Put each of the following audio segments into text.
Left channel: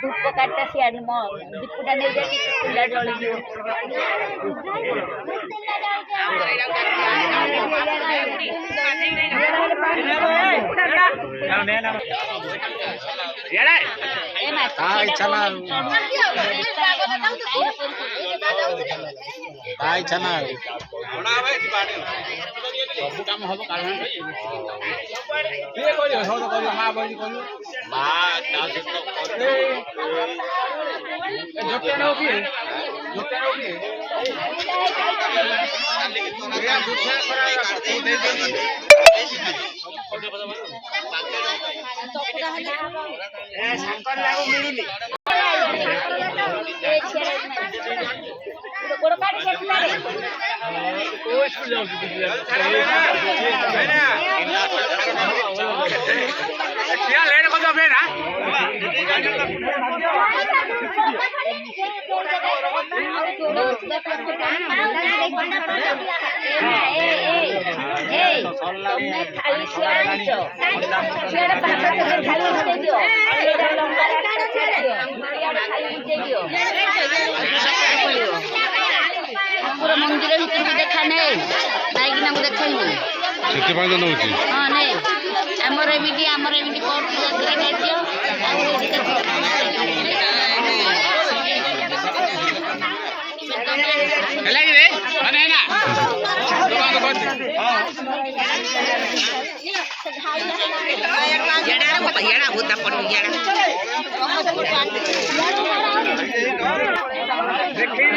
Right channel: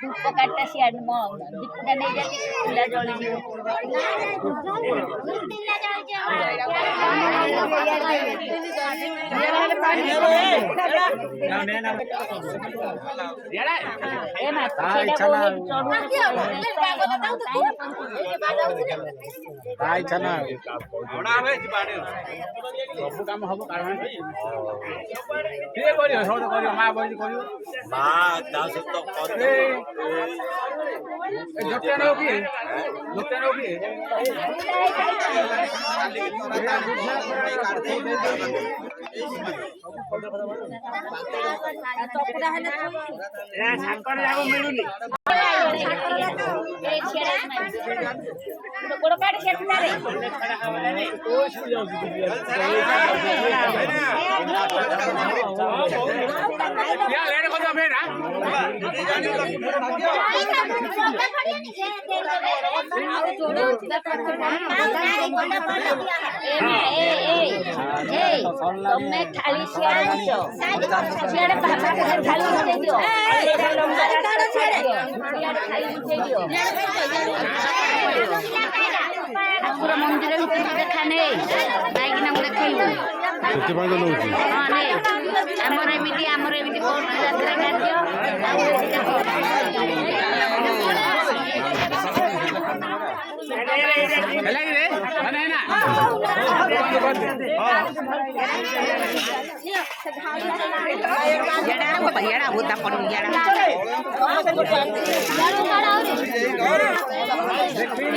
धूप काटता सियार दीपुटा नहीं जाती चूल्हा जली जीव तुमने थाली शेयर दीजो शेयर बाबा को थाली दे दियो एटा लंबा रास्ता छाड़ दियो शेयर थाली दे दियो पूरा मंदिर में देखा नहीं नाइक ना देखैलु केते पांच नउची नहीं हमर एमिटी पूरा दे दियो लगी रे अने ना येड़ा होता येड़ा होता पण येड़ा देखिए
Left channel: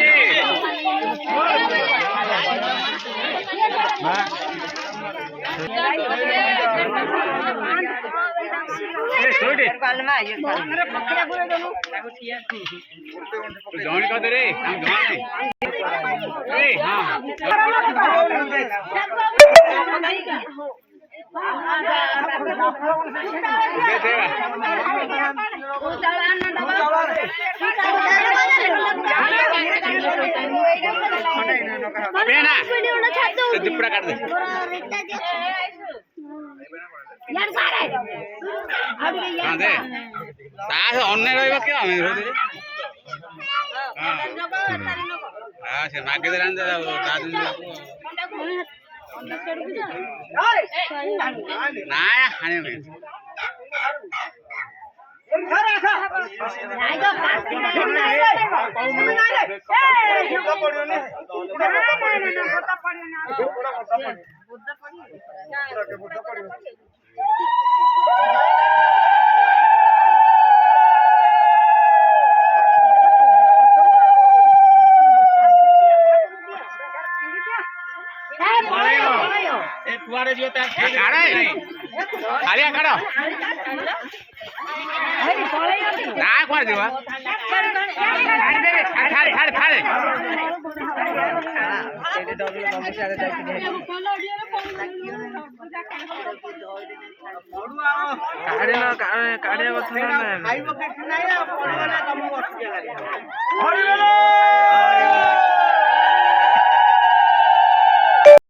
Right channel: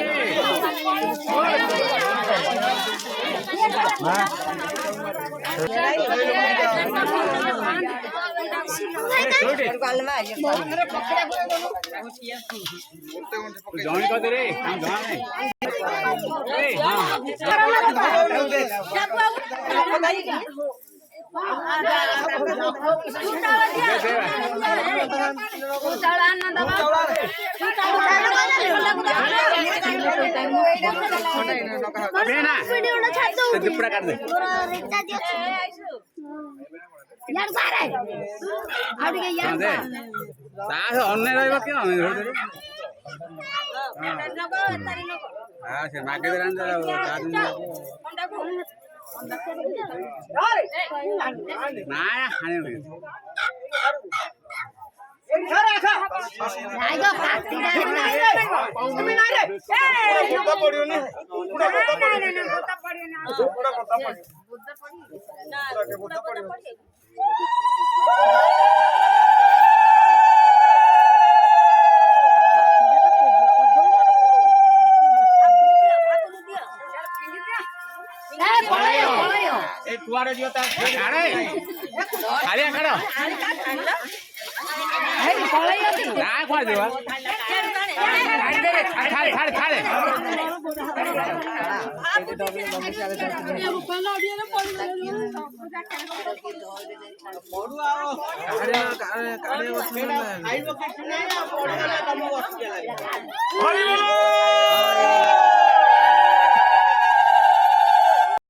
काढ़े